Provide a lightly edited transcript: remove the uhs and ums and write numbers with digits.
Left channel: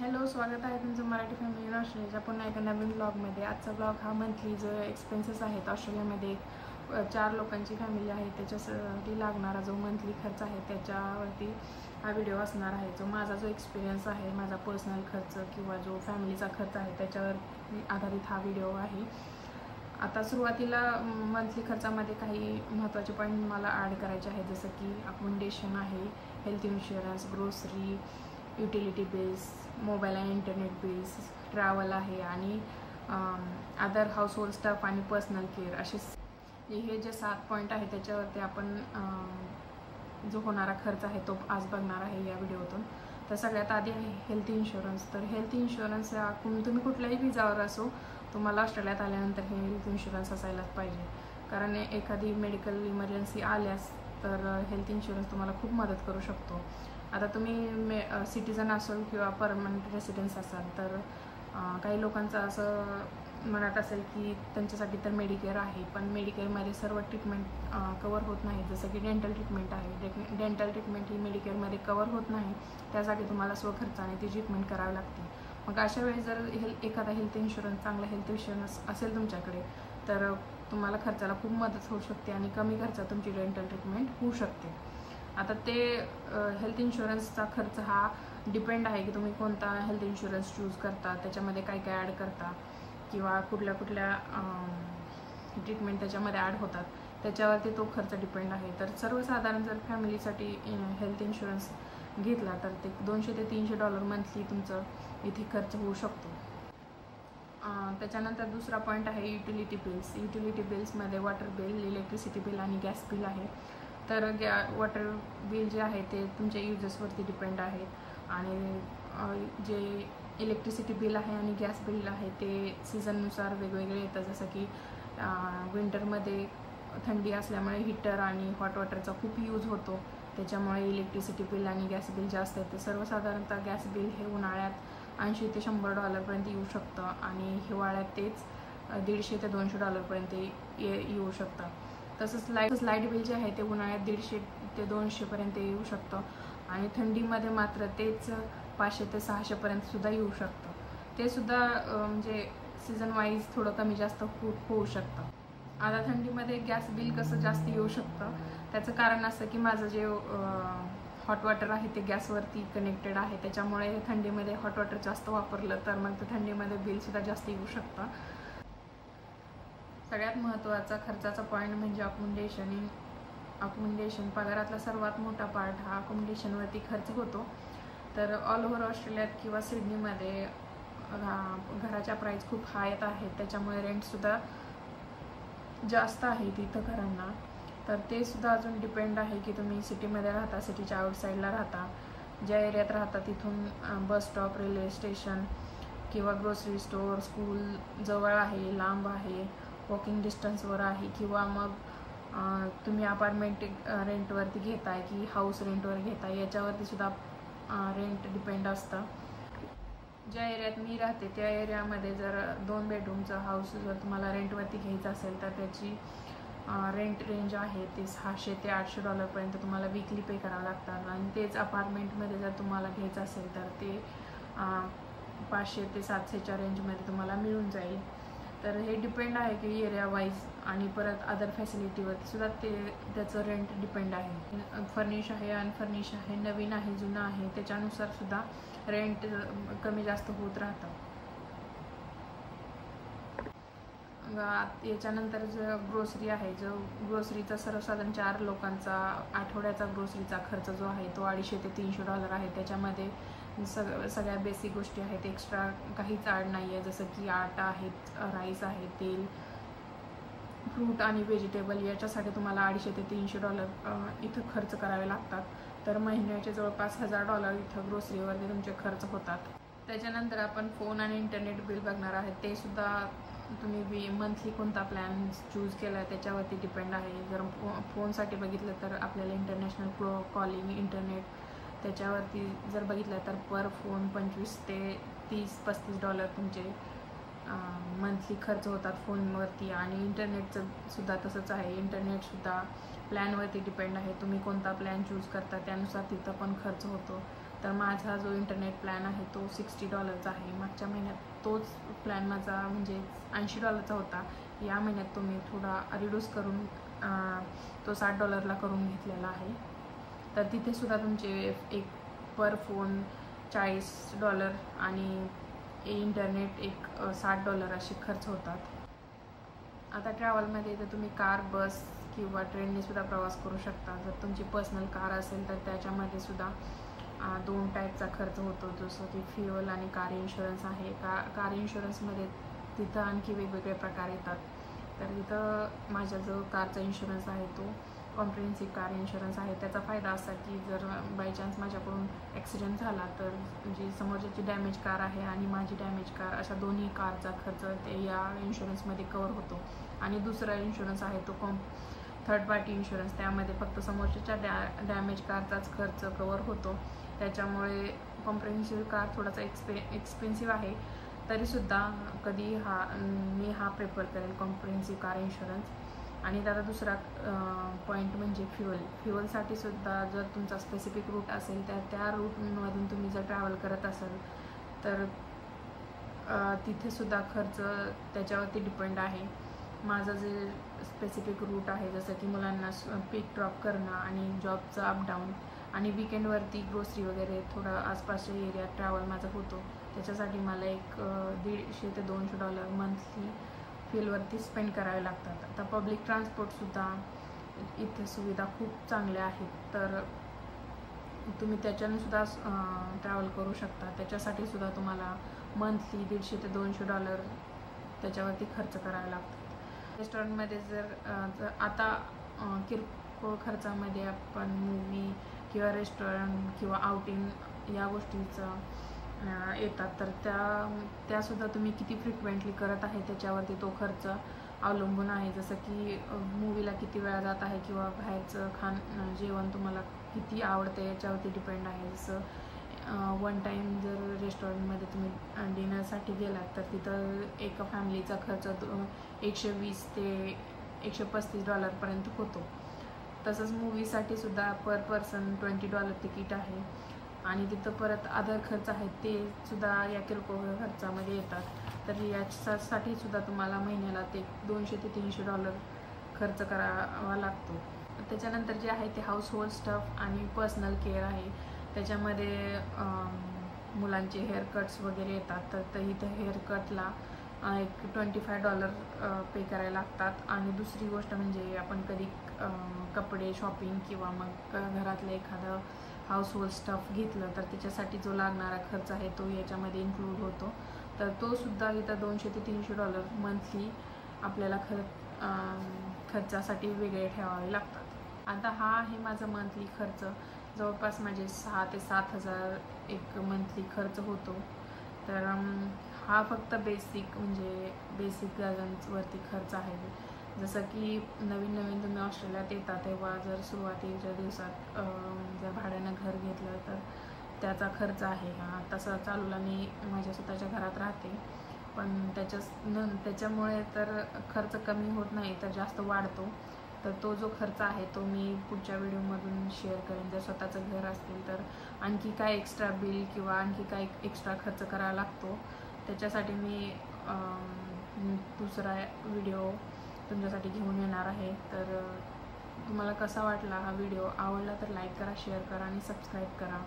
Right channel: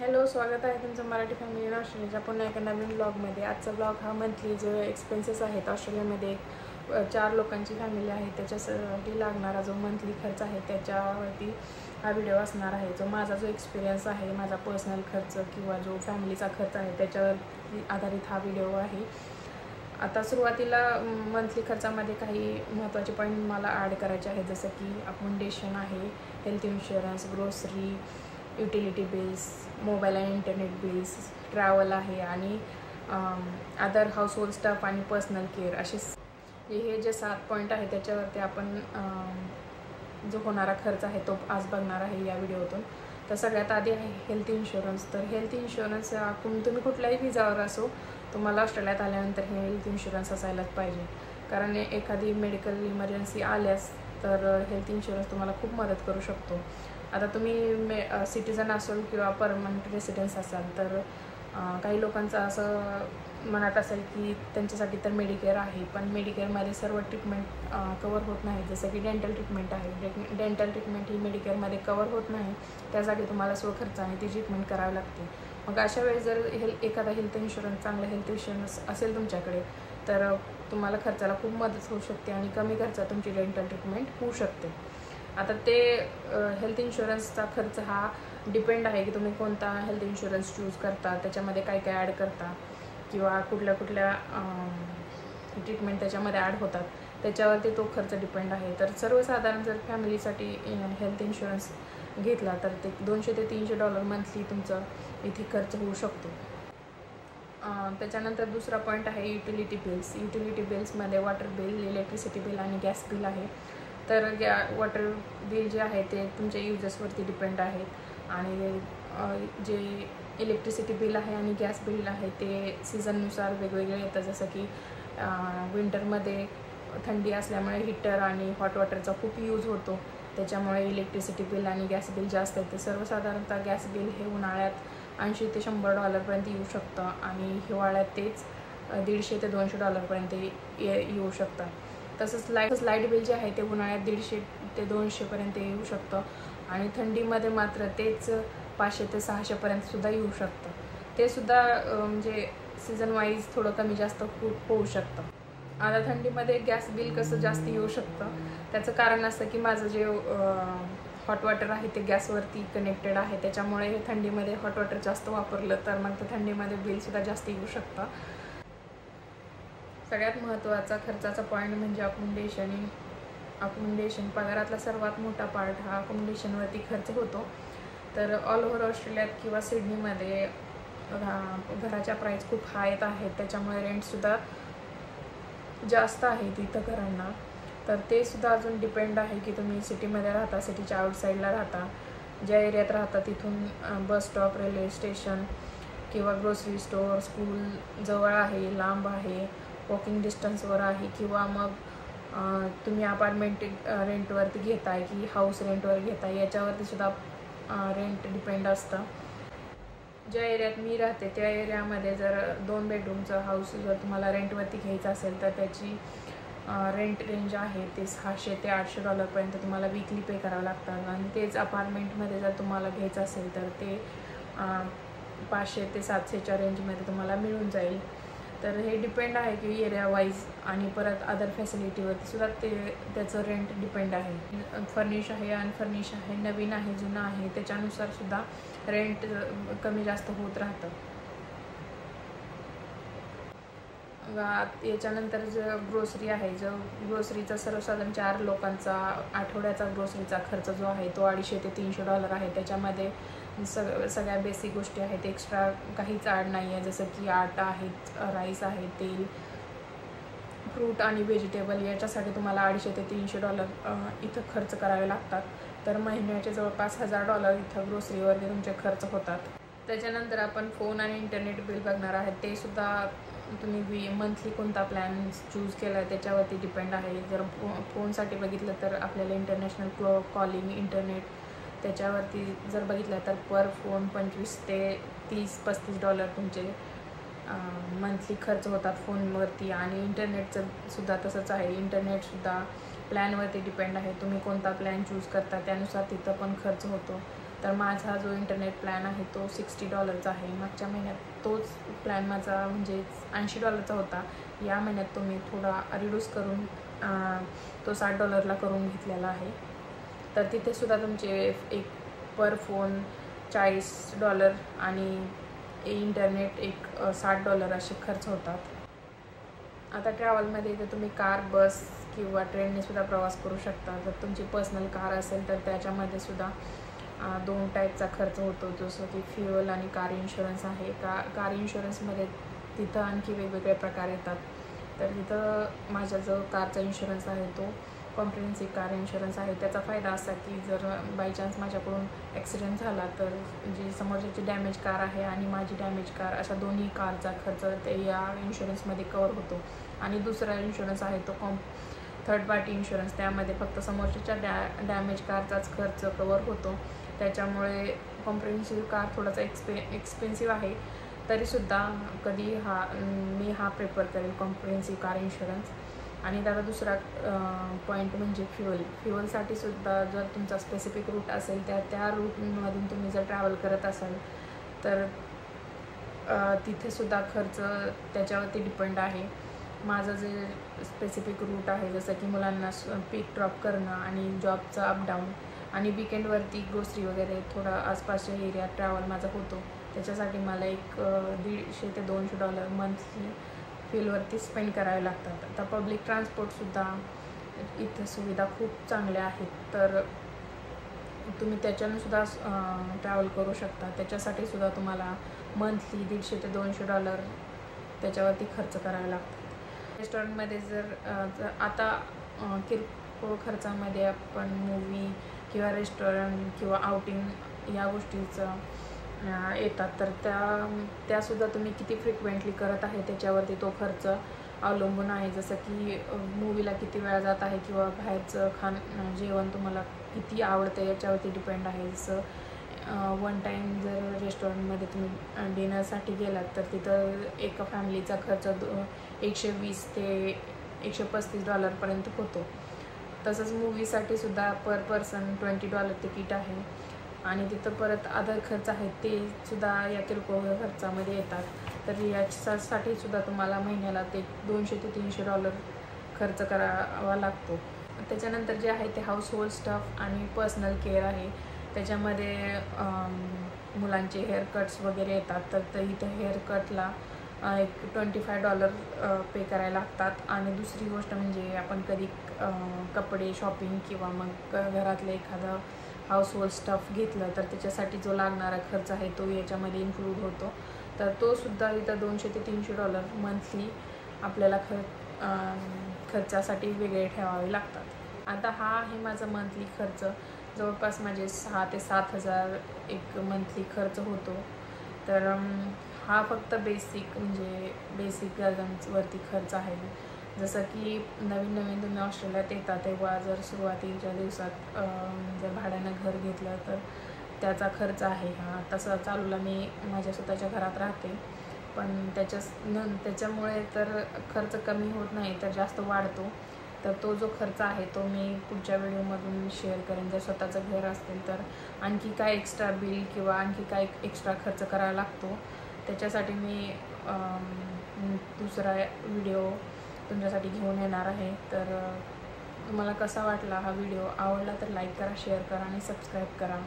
Hello, स्वागत आहे तुमचं मराठी फॅमिली इन ऑस्ट्रेलियाच्या पुन्हा एका नवीन ब्लॉगमध्ये। आजचा ब्लॉग हा मंथली जो एक्सपेन्सेस आहेत ऑस्ट्रेलियामध्ये 4 लोकांची फॅमिली आहे त्याच्यासाठी लागणारा जो मंथली खर्च आहे त्याच्यावरती हा व्हिडिओ असणार आहे। जो माझा जो एक्सपिरियन्स आहे, माझा पर्सनल खर्च किंवा जो फॅमिलीचा खर्च आहे त्याच्यावर आधारित हा व्हिडिओ आहे। आता सुरुवातीला मंथली खर्चामध्ये काही महत्त्वाचे पॉईंट मला ॲड करायचे आहेत, जसं की अकोमोडेशन आहे, health insurance, grocery, utility bills, mobile आणि इंटरनेट बिल्स, ट्रॅव्हल आहे आणि अदर हाऊसहोल्ड स्टफ आणि पर्सनल केअर असे हे जे 7 पॉईंट आहे त्याच्यावरती आपण जो होणारा खर्च आहे तो आज बघणार आहे या व्हिडिओतून। तर सगळ्यात आधी आहे हेल्थ इन्शुरन्स। तर हेल्थ इन्शुरन्स तुम्ही कुठल्याही विजावर असो, तुम्हाला ऑस्ट्रेलियात आल्यानंतर हे हेल्थ इन्शुरन्स असायलाच पाहिजे, कारण एखादी मेडिकल इमर्जन्सी आल्यास तर हेल्थ इन्शुरन्स तुम्हाला खूप मदत करू शकतो। आता तुम्ही सिटिझन असाल किंवा परमनंट रेसिडेन्स असाल तर काही लोकांचं असं मनात असेल की त्यांच्यासाठी तर मेडिकेअर आहे, पण मेडिकेअरमध्ये सर्व ट्रीटमेंट कवर होत नाही, जसं की डेंटल ट्रीटमेंट आहे। डेंटल ट्रीटमेंट ही मेडिकेअरमध्ये कवर होत नाही, त्यासाठी तुम्हाला स्वखर्चाने ती ट्रीटमेंट करावी लागते। मग अशा वेळेस जर एखादा हेल्थ इन्शुरन्स, चांगला हेल्थ इन्शुरन्स असेल तुमच्याकडे तर तुम्हाला खर्चाला खूप मदत होऊ शकते आणि कमी खर्चात तुमची डेंटल ट्रीटमेंट होऊ शकते। आता ते हेल्थ इन्शुरन्सचा खर्च हा डिपेंड आहे की तुम्ही कोणता हेल्थ इन्शुरन्स चूज करता, त्याच्यामध्ये काय काय ॲड करता किंवा कुठल्या ट्रीटमेंट त्याच्यामध्ये ॲड होतात त्याच्यावरती तो खर्च डिपेंड आहे। तर सर्वसाधारण जर फॅमिलीसाठी हेल्थ इन्शुरन्स घेतला तर ते $200 ते $300 मंथली तुमचा इथे खर्च होऊ शकतो। त्याच्यानंतर दुसरा पॉईंट आहे युटिलिटी बिल्स। युटिलिटी बिल्समध्ये वॉटर बिल, इलेक्ट्रिसिटी बिल आणि गॅस बिल आहे। तर वॉटर बिल जे आहे ते तुमच्या युजेसवरती डिपेंड आहे आणि जे इलेक्ट्रिसिटी बिल आहे आणि गॅस बिल आहे ते सीझननुसार वेगवेगळे येतं, जसं की विंटरमध्ये थंडी असल्यामुळे हीटर आणि हॉट वॉटरचा खूप यूज होतो, त्याच्यामुळे इलेक्ट्रिसिटी बिल आणि गॅस बिल जास्त येते। सर्वसाधारणतः गॅस बिल हे उन्हाळ्यात $80 ते $100 येऊ शकतं आणि हिवाळ्यात तेच $150 ते $200 येऊ शकतं। तसंच लाईट बिल जे आहे ते उन्हाळ्यात $150 ते $200 येऊ शकतं आणि थंडीमध्ये मात्र तेच $500 ते $600 येऊ शकतं। ते सुद्धा म्हणजे सीझन वाईज थोडं कमी जास्त खूप होऊ शकतं। आता थंडीमध्ये गॅस बिल कसं जास्त येऊ शकतं त्याचं कारण असं की माझं जे हॉट वॉटर आहे ते गॅसवरती कनेक्टेड आहे, त्याच्यामुळे हे थंडीमध्ये हॉट वॉटर जास्त वापरलं तर मग ते थंडीमध्ये बिलसुद्धा जास्त येऊ शकतं। सगळ्यात महत्त्वाचा खर्चाचा पॉईंट म्हणजे अकोमोडेशन। पगारातला सर्वात मोठा पार्ट हा अकोमोडेशनवरती खर्च होतो। तर ऑल ओव्हर ऑस्ट्रेलियात किंवा सिडनीमध्ये घराच्या प्राईस खूप हाय आहेत, त्याच्यामुळे रेंटसुद्धा जास्त आहे तिथं घरांना। तर ते सुद्धा अजून डिपेंड आहे की तुम्ही सिटीमध्ये राहता, सिटीच्या आउटसाईडला राहता, ज्या एरियात राहता तिथून बस स्टॉप, रेल्वे स्टेशन किंवा ग्रोसरी स्टोअर, स्कूल जवळ आहे, लांब आहे, वॉकिंग डिस्टन्सवर आहे किंवा मग तुम्ही अपार्टमेंट रेंटवरती घेताय की हाऊस रेंटवर घेताय, याच्यावरती सुद्धा रेंट डिपेंड असतं। ज्या एरियात मी राहते त्या एरियामध्ये जर 2 बेडरूमचं हाऊस जर तुम्हाला रेंटवरती घ्यायचं असेल तर त्याची रेंट रेंज आहे ते $600 ते $800 तुम्हाला वीकली पे करावं लागतात आणि तेच अपार्टमेंटमध्ये जर तुम्हाला घ्यायचं असेल तर ते 500 ते 700च्या रेंजमध्ये तुम्हाला मिळून जाईल। तर हे डिपेंड आहे की एरिया वाईज आणि परत अदर फॅसिलिटीवरती सुद्धा त्याचं रेंट डिपेंड आहे। फर्निश आहे, अनफर्निश आहे, नवीन आहे, जुनं आहे, त्याच्यानुसार सुद्धा रेंट कमी जास्त होत राहतं। याच्यानंतर जो ग्रोसरी आहे, जो ग्रोसरीचा सर्वसाधारण 4 लोकांचा आठवड्याचा ग्रोसरीचा खर्च जो आहे तो $250 ते $300 आहे। त्याच्यामध्ये सगळ्या बेसिक गोष्टी आहेत, एक्स्ट्रा काहीच ॲड नाही आहे, जसं की आटा आहे, राईस आहे, तेल, फ्रूट आणि व्हेजिटेबल, याच्यासाठी तुम्हाला $250 ते $300 इथं खर्च करावे लागतात। तर महिन्याचे जवळपास $1000 इथं ग्रोसरीवरती तुमचे खर्च होतात। त्याच्यानंतर आपण फोन आणि इंटरनेट बिल बघणार आहेत। ते सुद्धा तुम्ही मंथली कोणता प्लॅन चूज केला आहे त्याच्यावरती डिपेंड आहे। जर फोनसाठी बघितलं तर आपल्याला इंटरनॅशनल कॉलिंग, इंटरनेट त्याच्यावरती जर बघितलं तर पर फोन $25 ते $30-35 तुमचे मंथली खर्च होतात फोनवरती। आणि इंटरनेटचं सुद्धा तसंच आहे, इंटरनेटसुद्धा प्लॅनवरती डिपेंड आहे, तुम्ही कोणता प्लॅन चूज करता त्यानुसार तिथं पण खर्च होतो। तर माझा जो इंटरनेट प्लॅन आहे तो $60 आहे. मागच्या महिन्यात तोच प्लॅन माझा म्हणजे $80 होता. या महिन्यात तो मी थोडा रिड्यूस करून तो $60 करून घेतलेला आहे. तर तिथेसुद्धा तुमचे एक पर फोन $40 आणि इंटरनेट एक $60 असे खर्च होतात. आता ट्रॅव्हलमध्ये तर तुम्ही कार, बस किंवा ट्रेनने सुद्धा प्रवास करू शकता. जर तुमची पर्सनल कार असेल तर त्याच्यामध्ये सुद्धा 2 टाईपचा खर्च होतो, जसं की फ्युअल आणि कार इन्शुरन्स आहे. कार इन्शुरन्समध्ये तिथं आणखी वेगवेगळे प्रकार येतात. तर तिथं माझा जो कारचा इन्शुरन्स आहे तो कॉम्प्रिहेन्सिव्ह कार इन्शुरन्स आहे. त्याचा फायदा असा की जर बाय चान्स माझ्याकडून ॲक्सिडेंट झाला तर जी समोरच्याची डॅमेज कार आहे आणि माझी डॅमेज कार अशा दोन्ही कारचा खर्च ते या इन्शुरन्समध्ये कवर होतो. आणि दुसरा इन्शुरन्स आहे तो थर्ड पार्टी इन्शुरन्स. त्यामध्ये फक्त समोरच्याच्या डॅमेज कारचाच खर्च कवर होतो. त्याच्यामुळे कॉम्प्रिहेन्सिव्ह कार थोडासा एक्सपेन्सिव्ह आहे. तरीसुद्धा मी हा प्रेफर करेल कॉम्प्रिहेन्सिव्ह कार इन्शुरन्स. आणि त्याचा दुसरा पॉईंट म्हणजे फ्युअलसाठी सुद्धा जर तुमचा स्पेसिफिक रूट असेल त्या रूटमधून तुम्ही जर ट्रॅव्हल करत असाल तर तिथेसुद्धा खर्च त्याच्यावरती डिपेंड आहे. माझं जे स्पेसिफिक रूट आहे जसं की मुलांना पिक ड्रॉप करणं आणि जॉबचं अपडाऊन आणि विकेंडवरती ग्रोसरी वगैरे थोडा आसपासच्या एरियात ट्रॅव्हल माझा होतो. त्याच्यासाठी मला एक $150 ते $200 मंथली फ्युलवरती स्पेंड करावे लागतात. आता पब्लिक ट्रान्सपोर्टसुद्धा इथे सुविधा खूप चांगल्या आहेत, तर तुम्ही त्याच्यानेसुद्धा ट्रॅव्हल करू शकता. त्याच्यासाठी सुद्धा तुम्हाला मंथली $150 ते $200 त्याच्यावरती खर्च करावे लागतात. रेस्टॉरंटमध्ये जर आता किरकोळ खर्चामध्ये आपण मूवी किंवा रेस्टॉरंट किंवा आउटिंग या गोष्टीचं येतात, तर त्यासुद्धा तुम्ही किती फ्रिक्वेंटली करत आहे त्याच्यावरती तो खर्च अवलंबून आहे. जसं की मूवीला किती वेळा जात आहे किंवा बाहेरचं जेवण तुम्हाला किती आवडतं याच्यावरती डिपेंड आहे. जसं वन टाईम जर रेस्टॉरंटमध्ये तुम्ही डिनरसाठी गेलात तर तिथं एका फॅमिलीचा खर्च $120 ते $135 पर्यंत होतो. तसंच मूवीसाठी सुद्धा पर पर्सन $20 तिकीट आहे. आणि तिथं परत अदर खर्च आहेत ते सुद्धा या किरकोळ खर्चामध्ये येतात. तर याच्यासाठी सुद्धा तुम्हाला महिन्याला ते $200 ते $300 खर्च करावा लागतो. त्याच्यानंतर जे आहे ते हाऊसहोल्ड स्टफ आणि पर्सनल केअर आहे. त्याच्यामध्ये मुलांचे हेअरकट्स वगैरे येतात, तर इथं हेअरकटला एक $25 पे करायला लागतात. आणि दुसरी गोष्ट म्हणजे आपण कधी कपडे शॉपिंग किंवा मग घरातलं एखादं हाऊसहोल्ड स्टफ घेतलं तर त्याच्यासाठी जो लागणारा खर्च आहे तो याच्यामध्ये इन्क्लूड होतो. तर तो सुद्धा इथं $200 ते $300 मंथली आपल्याला खर्चासाठी वेगळे ठेवावे लागतात. आता हा आहे माझा मंथली खर्च. जवळपास माझे 6,000 ते 7,000 एक मंथली खर्च होतो. तर हा फक्त बेसिक गरजांवरती खर्च आहे. जसं की नवीन तुम्ही ऑस्ट्रेलियात येता तेव्हा जर सुरुवातीच्या दिवसात जर भाड्यानं घर घेतलं तर त्याचा खर्च आहे हा. तसा चालूला मी माझ्या स्वतःच्या घरात राहते, पण त्याच्यामुळे तर खर्च कमी होत नाही तर जास्त वाढतो. तर तो जो खर्च आहे तो मी पुढच्या व्हिडिओमधून शेअर करेन. जर स्वतःचं घर असेल तर आणखी काय एक्स्ट्रा बिल किंवा आणखी काय एक्स्ट्रा खर्च करावा लागतो त्याच्यासाठी मी दुसरा व्हिडिओ तुमच्यासाठी घेऊन येणार आहे. तर तुम्हाला कसा वाटला हा व्हिडिओ? आवडला तर लाईक करा, शेअर करा आणि सबस्क्राईब करा.